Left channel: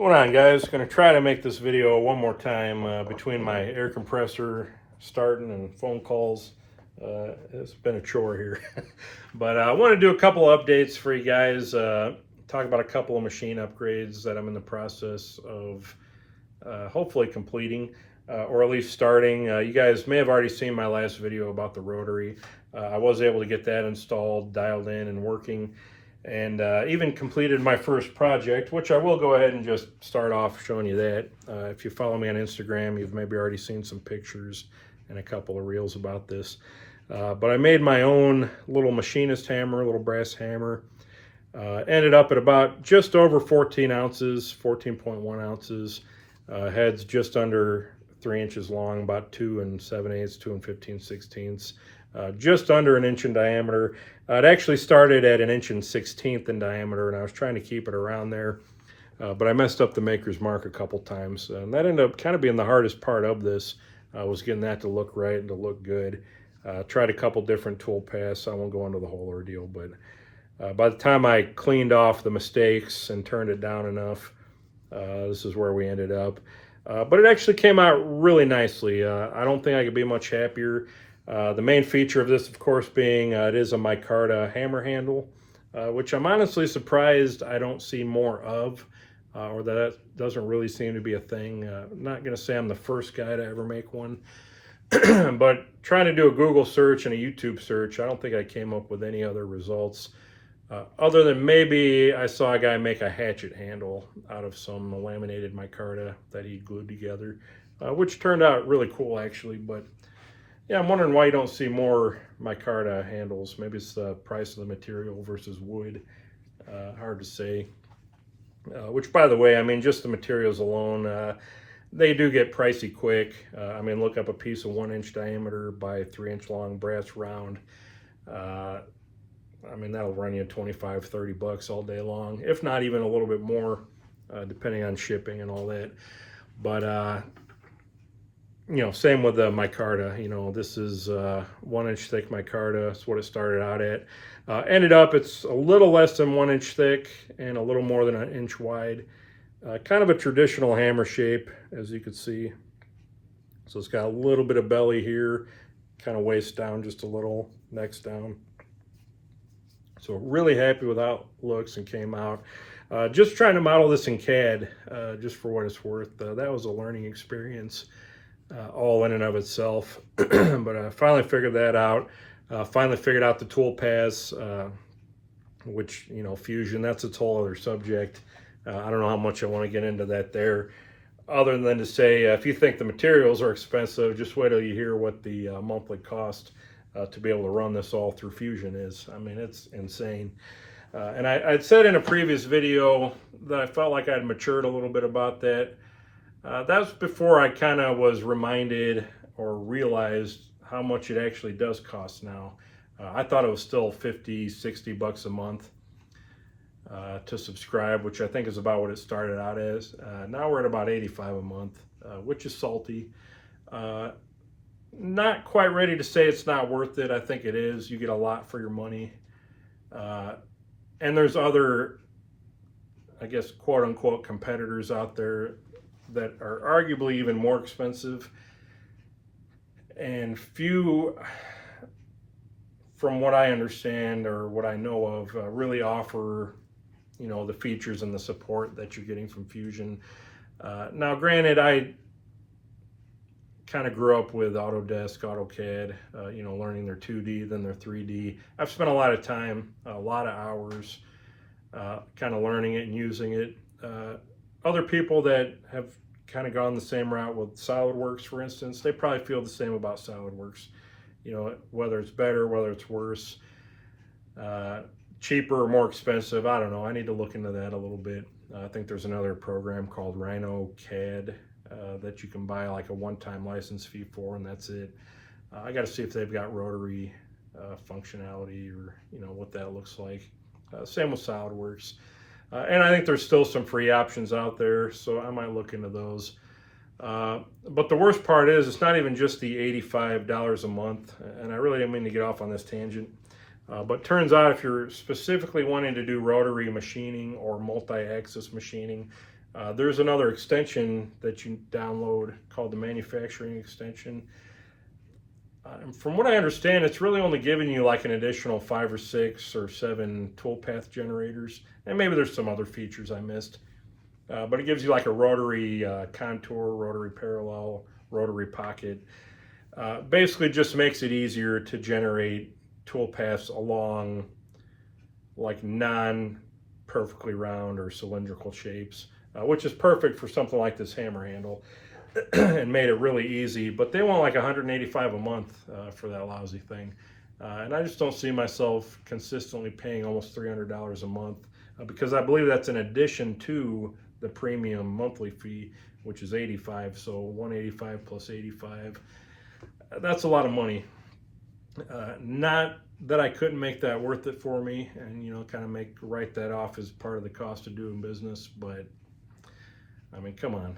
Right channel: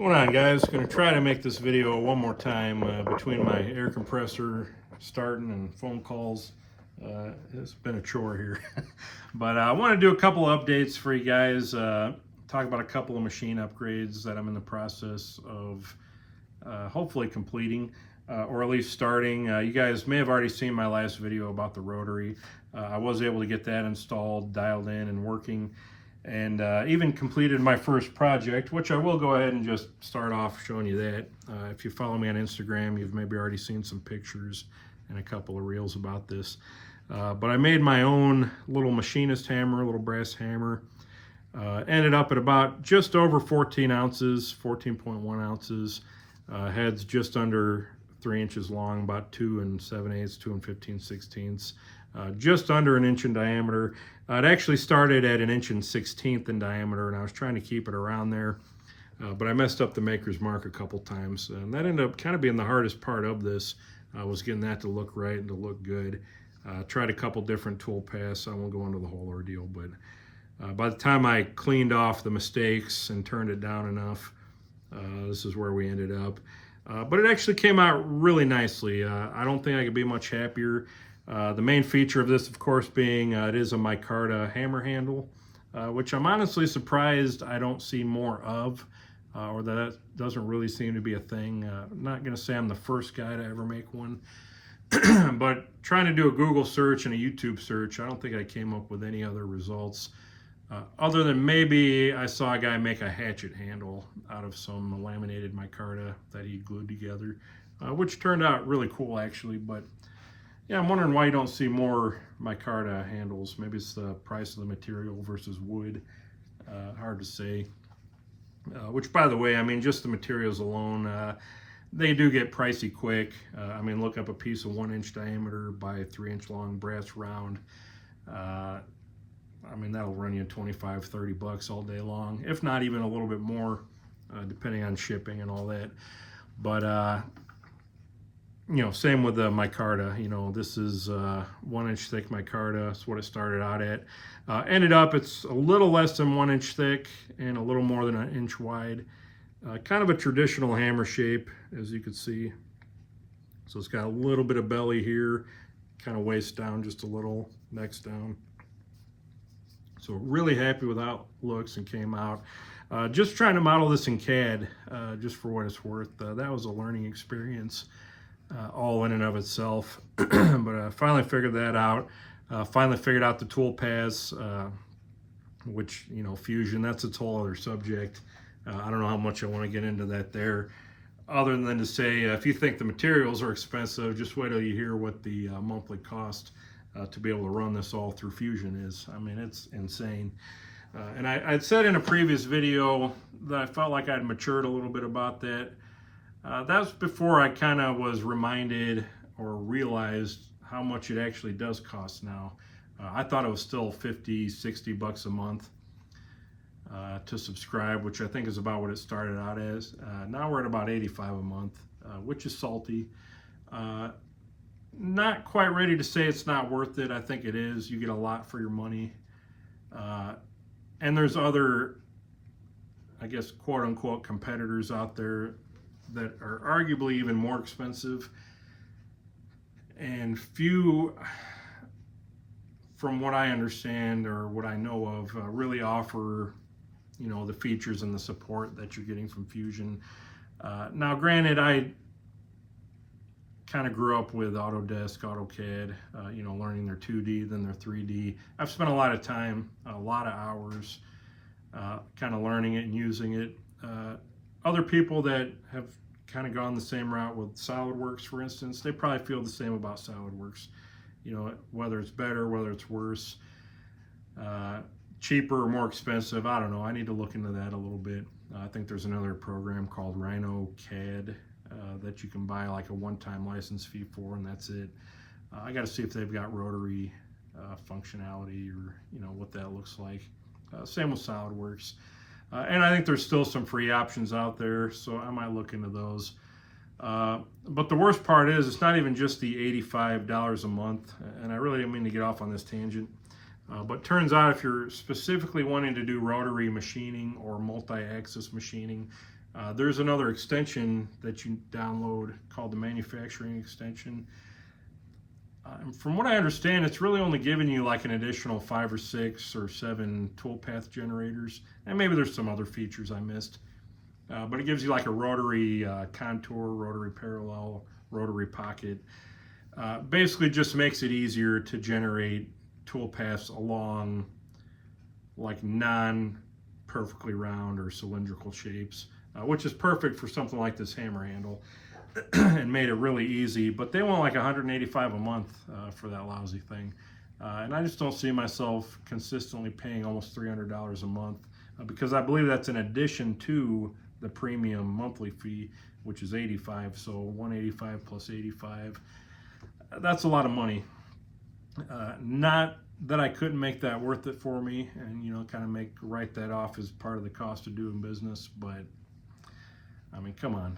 Going on, guys? Going to try to make this video one more time between my air compressor starting and phone calls. It's been a chore here. But I want to do a couple of updates for you guys. Talk about a couple of machine upgrades that I'm in the process of hopefully completing or at least starting. You guys may have already seen my last video about the rotary. I was able to get that installed, dialed in, and working. And even completed my first project, which I will go ahead and just start off showing you that. If you follow me on Instagram, you've maybe already seen some pictures and a couple of reels about this. But I made my own little machinist hammer, a little brass hammer. Ended up at about just over 14 ounces, 14.1 ounces. Head's just under 3 inches long, about 2 7/8, 2 15/16. Just under an inch in diameter. It actually started at 1 16 in diameter, and I was trying to keep it around there, but I messed up the maker's mark a couple times, and that ended up kind of being the hardest part of this, was getting that to look right and to look good. Tried a couple different tool paths. I won't go into the whole ordeal, but by the time I cleaned off the mistakes and turned it down enough, this is where we ended up. But it actually came out really nicely. I don't think I could be much happier. The main feature of this, of course, being it is a Micarta hammer handle, which I'm honestly surprised I don't see more of, or that doesn't really seem to be a thing. I'm not going to say I'm the first guy to ever make one, but trying to do a Google search and a YouTube search, I don't think I came up with any other results, other than maybe I saw a guy make a hatchet handle out of some laminated micarta that he glued together, which turned out really cool, actually. But yeah, I'm wondering why you don't see more micarta handles. Maybe it's the price of the material versus wood. Hard to say. Which, by the way, I mean, just the materials alone, they do get pricey quick. I mean, look up a piece of 1 inch diameter by 3 inch long brass round. I mean, that'll run you 25, 30 bucks all day long, if not even a little bit more, depending on shipping and all that. But, you know, same with the micarta. You know, this is 1 inch thick micarta. That's what it started out at. Ended up, it's a little less than 1 inch thick and a little more than an inch wide. Kind of a traditional hammer shape, as you can see. So it's got a little bit of belly here, kind of waist down just a little, neck's down. So really happy with how it looks and came out. Just trying to model this in CAD, just for what it's worth. That was a learning experience, all in and of itself. But I finally figured that out. Finally figured out the tool paths, which, you know, fusion, that's its whole other subject. I don't know how much I want to get into that there, other than to say, if you think the materials are expensive, just wait till you hear what the monthly cost to be able to run this all through Fusion is. I mean, it's insane. And I'd said in a previous video that I felt like I'd matured a little bit about that. That was before I kind of was reminded or realized how much it actually does cost now. I thought it was still 50, 60 bucks a month to subscribe, which I think is about what it started out as. Now we're at about 85 a month, which is salty. Not quite ready to say it's not worth it. I think it is. You get a lot for your money. And there's other, I guess, quote unquote competitors out there that are arguably even more expensive. And few, from what I understand or what I know of, really offer, you know, the features and the support that you're getting from Fusion. Now, granted, I kind of grew up with Autodesk, AutoCAD, you know, learning their 2D, then their 3D. I've spent a lot of time, a lot of hours, kind of learning it and using it. Other people that have kind of gone the same route with SolidWorks, for instance, they probably feel the same about SolidWorks. You know, whether it's better, whether it's worse, cheaper or more expensive, I don't know. I need to look into that a little bit. I think there's another program called Rhino CAD that you can buy like a one-time license fee for, and that's it. I got to see if they've got rotary functionality, or, you know, what that looks like. Same with SolidWorks. And I think there's still some free options out there, so I might look into those. But the worst part is, it's not even just the $85 a month, and I really didn't mean to get off on this tangent. But turns out if you're specifically wanting to do rotary machining or multi-axis machining, There's another extension that you download called the manufacturing extension. And from what I understand, it's really only giving you like an additional 5 or 6 or 7 toolpath generators. And maybe there's some other features I missed. But it gives you like a rotary contour, rotary parallel, rotary pocket. Basically just makes it easier to generate toolpaths along like non-perfectly round or cylindrical shapes, which is perfect for something like this hammer handle. And made it really easy, but they want like $185 a month for that lousy thing. And I just don't see myself consistently paying almost $300 a month because I believe that's in addition to the premium monthly fee, which is $85. So $185 plus $85, that's a lot of money. Not that I couldn't make that worth it for me and, you know, kind of write that off as part of the cost of doing business, but I mean, come on.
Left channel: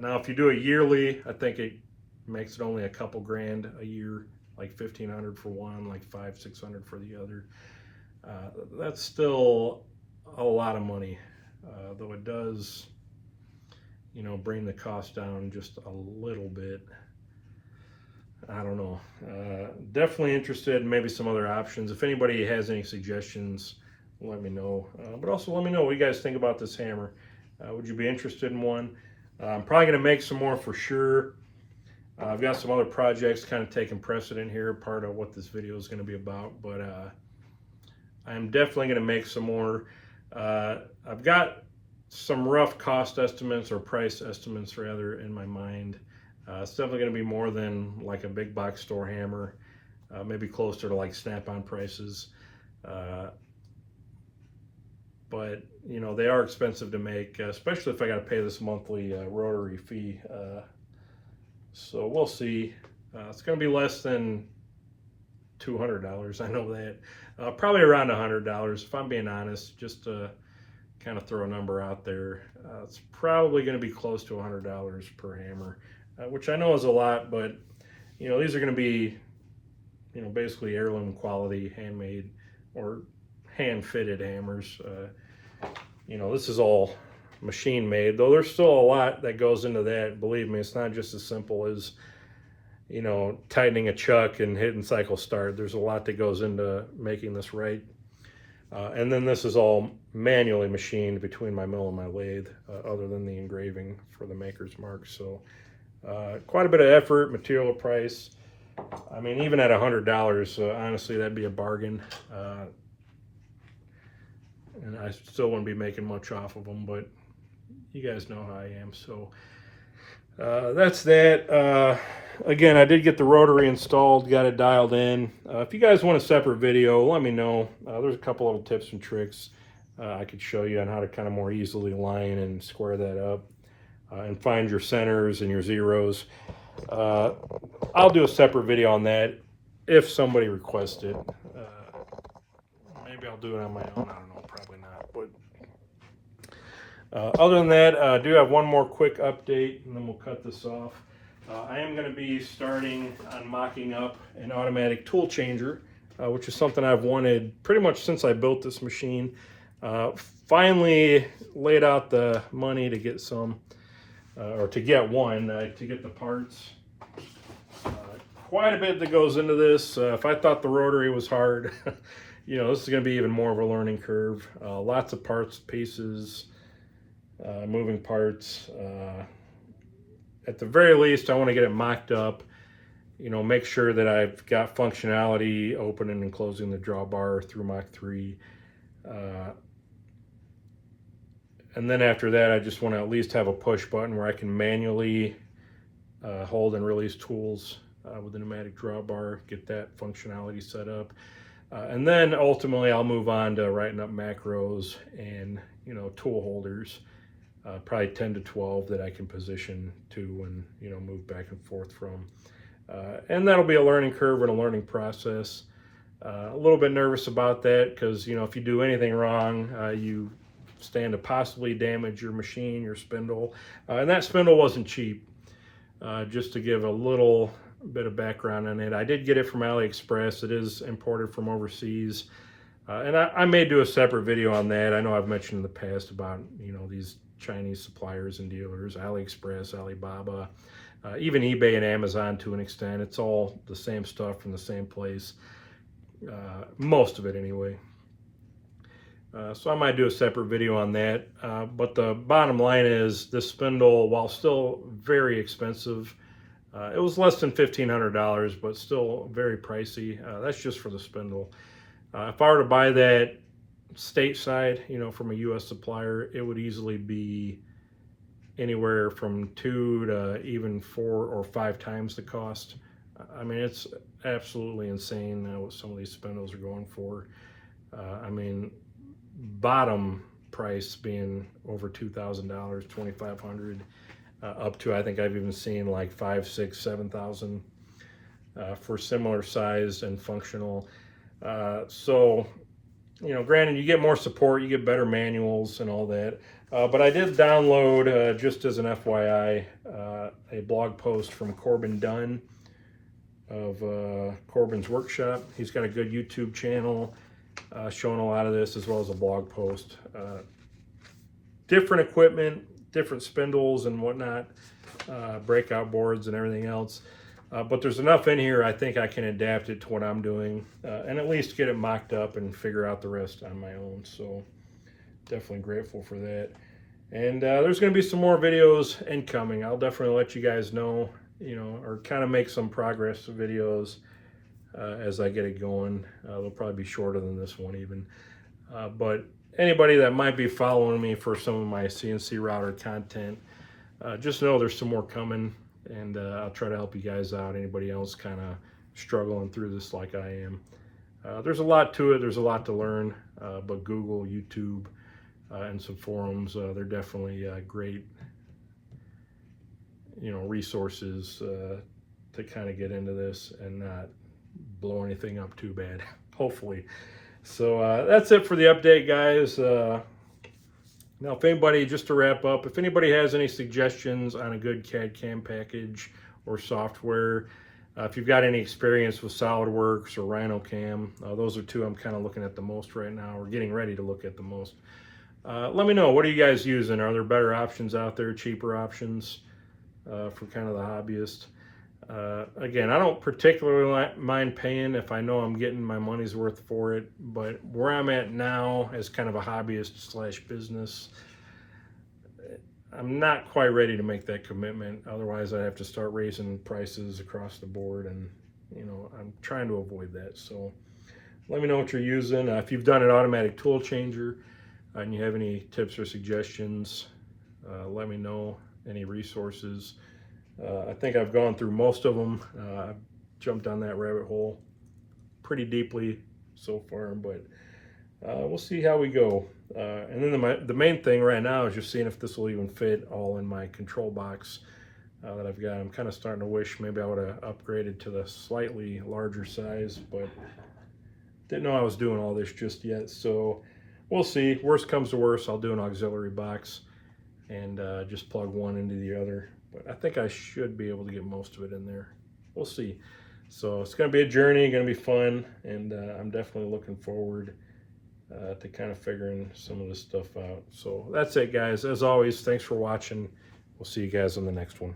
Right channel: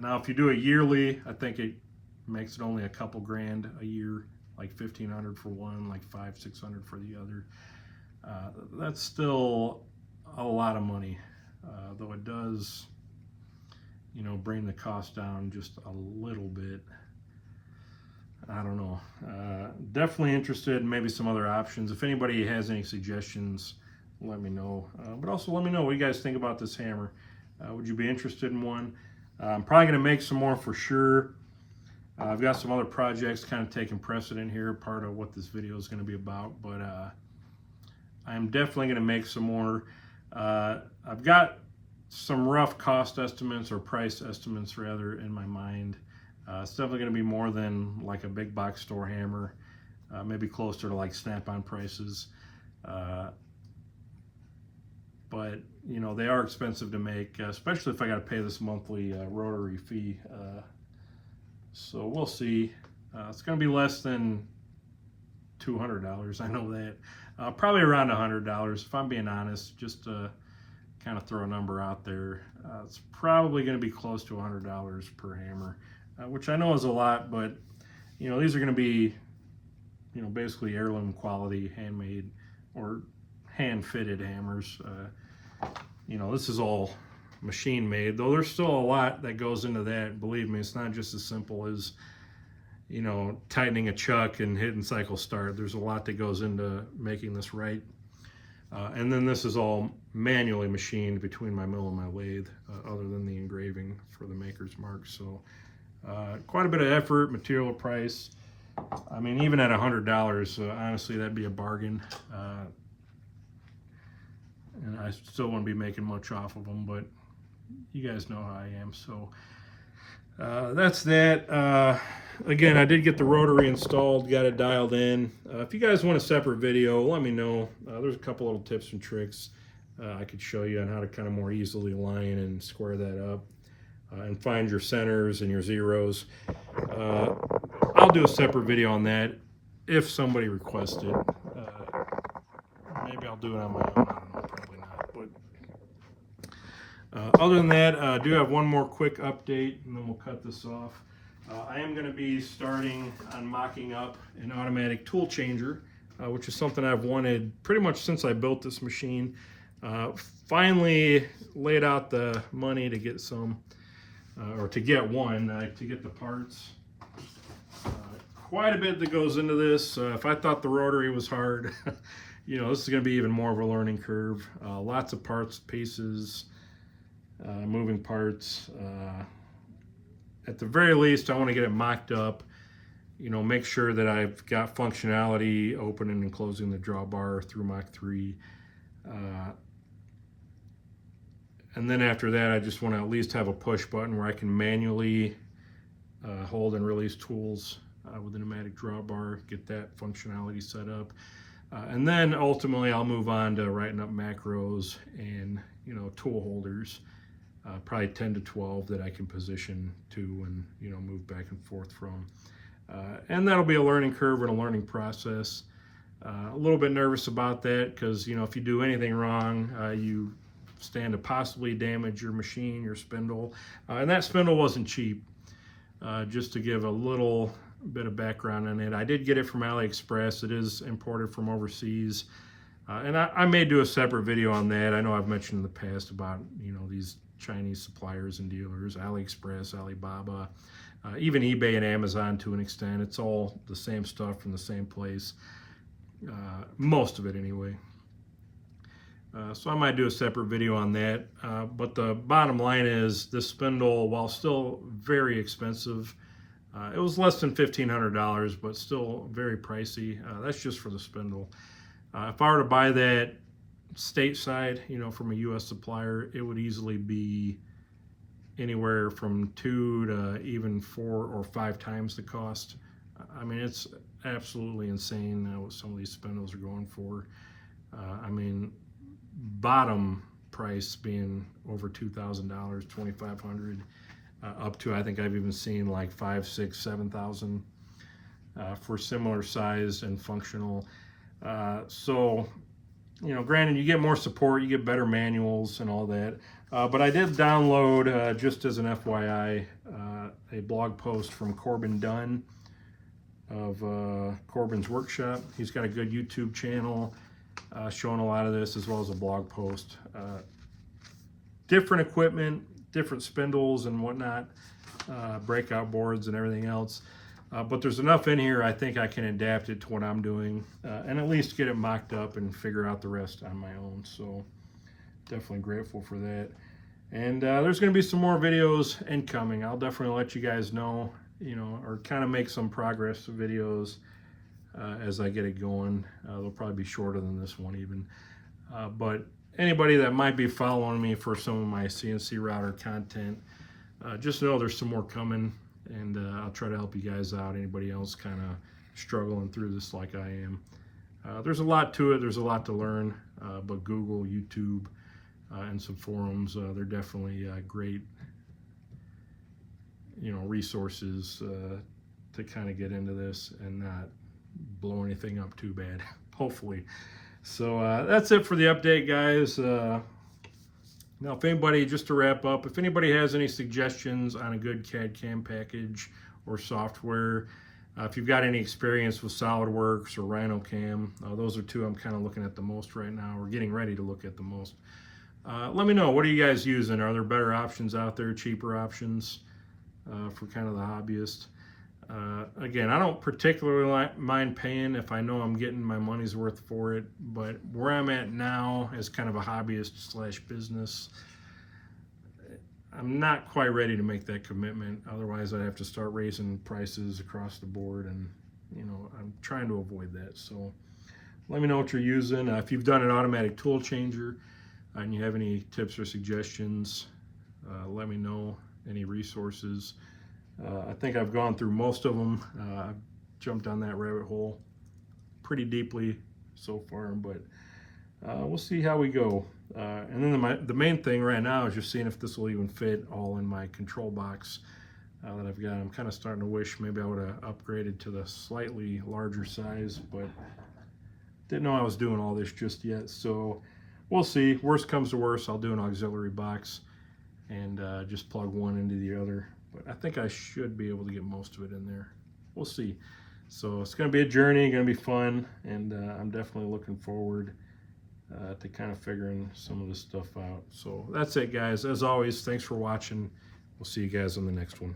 Now, if you do it yearly, I think it makes it only a couple grand a year, like $1,500 for one, like $500-600 for the other. That's still a lot of money, though it does, you know, bring the cost down just a little bit. I don't know. Definitely interested in maybe some other options. If anybody has any suggestions, let me know. But also let me know what you guys think about this hammer. Would you be interested in one? I'm probably going to make some more for sure. I've got some other projects kind of taking precedent here, part of what this video is going to be about, but I'm definitely going to make some more. I've got some rough cost estimates, or price estimates rather, in my mind. It's definitely going to be more than like a big box store hammer, maybe closer to like Snap-on prices. But you know, they are expensive to make, especially if I got to pay this monthly rotary fee. So we'll see. It's going to be less than $200. I know that. Probably around $100, if I'm being honest. Just to kind of throw a number out there, it's probably going to be close to $100 per hammer, which I know is a lot. But you know, these are going to be, you know, basically heirloom quality, handmade or hand-fitted hammers. You know, this is all machine made, though there's still a lot that goes into that. Believe me, it's not just as simple as, you know, tightening a chuck and hitting cycle start. There's a lot that goes into making this right. And then this is all manually machined between my mill and my lathe, other than the engraving for the maker's mark. So quite a bit of effort, material price. I mean, even at $100, honestly, that'd be a bargain. And I still wouldn't be making much off of them, but you guys know how I am. So that's that. Again, I did get the rotary installed, got it dialed in. If you guys want a separate video, let me know. There's a couple little tips and tricks I could show you on how to kind of more easily line and square that up and find your centers and your zeros. I'll do a separate video on that if somebody requests it. Maybe I'll do it on my own. I don't know, probably not. But other than that, I do have one more quick update, and then we'll cut this off. I am going to be starting on mocking up an automatic tool changer, which is something I've wanted pretty much since I built this machine. Finally laid out the money to get some, or to get one, to get the parts. Quite a bit that goes into this. If I thought the rotary was hard, you know, this is going to be even more of a learning curve. Lots of parts, pieces, moving parts. At the very least, I want to get it mocked up, you know, make sure that I've got functionality opening and closing the drawbar through Mach 3. And then after that, I just want to at least have a push button where I can manually hold and release tools with the pneumatic drawbar, get that functionality set up. And then ultimately I'll move on to writing up macros and, you know, tool holders, probably 10 to 12 that I can position to and, you know, move back and forth from. And that'll be a learning curve and a learning process. A little bit nervous about that because, you know, if you do anything wrong, you stand to possibly damage your machine, your spindle. And that spindle wasn't cheap. Just to give a little bit of background on it, I did get it from AliExpress. It is imported from overseas. And I may do a separate video on that. I know I've mentioned in the past about, you know, these Chinese suppliers and dealers, AliExpress, Alibaba, even eBay and Amazon to an extent. It's all the same stuff from the same place, most of it anyway. So I might do a separate video on that, but the bottom line is this spindle, while still very expensive, it was less than $1,500, but still very pricey. That's just for the spindle. If I were to buy that stateside, you know, from a U.S. supplier, it would easily be anywhere from 2 to even 4 or 5 times the cost. I mean, it's absolutely insane what some of these spindles are going for. I mean, bottom price being over $2,000, $2,500, up to, I think I've even seen like 5, 6, 7,000 for similar size and functional. So, you know, granted, you get more support, you get better manuals and all that. But I did download, just as an FYI, a blog post from Corbin Dunn of Corbin's Workshop. He's got a good YouTube channel showing a lot of this, as well as a blog post. Different equipment, different spindles and whatnot, breakout boards and everything else. But there's enough in here, I think I can adapt it to what I'm doing, and at least get it mocked up and figure out the rest on my own. So definitely grateful for that. And there's going to be some more videos incoming. I'll definitely let you guys know, you know, or kind of make some progress videos as I get it going. They'll probably be shorter than this one even. But anybody that might be following me for some of my CNC router content, just know there's some more coming, and I'll try to help you guys out. Anybody else kind of struggling through this like I am. There's a lot to it. There's a lot to learn, but Google, YouTube, and some forums, they're definitely great, you know, resources to kind of get into this and not blow anything up too bad, hopefully. So that's it for the update, guys. Now, if anybody, just to wrap up, if anybody has any suggestions on a good CAD/CAM package or software, if you've got any experience with SolidWorks or RhinoCam, those are two I'm kind of looking at the most right now, or getting ready to look at the most. Let me know, what are you guys using? Are there better options out there, cheaper options for kind of the hobbyist? Again, I don't particularly mind paying if I know I'm getting my money's worth for it, but where I'm at now as kind of a hobbyist slash business, I'm not quite ready to make that commitment. Otherwise, I have to start raising prices across the board, and you know, I'm trying to avoid that. So let me know what you're using. If you've done an automatic tool changer and you have any tips or suggestions, let me know. Any resources. I think I've gone through most of them. I've jumped on that rabbit hole pretty deeply so far, but we'll see how we go. And then the main thing right now is just seeing if this will even fit all in my control box that I've got. I'm kind of starting to wish maybe I would have upgraded to the slightly larger size, but didn't know I was doing all this just yet. So we'll see. Worst comes to worst, I'll do an auxiliary box and just plug one into the other. But I think I should be able to get most of it in there. We'll see. So it's going to be a journey, going to be fun, and I'm definitely looking forward to kind of figuring some of this stuff out. So that's it, guys. As always, thanks for watching. We'll see you guys on the next one.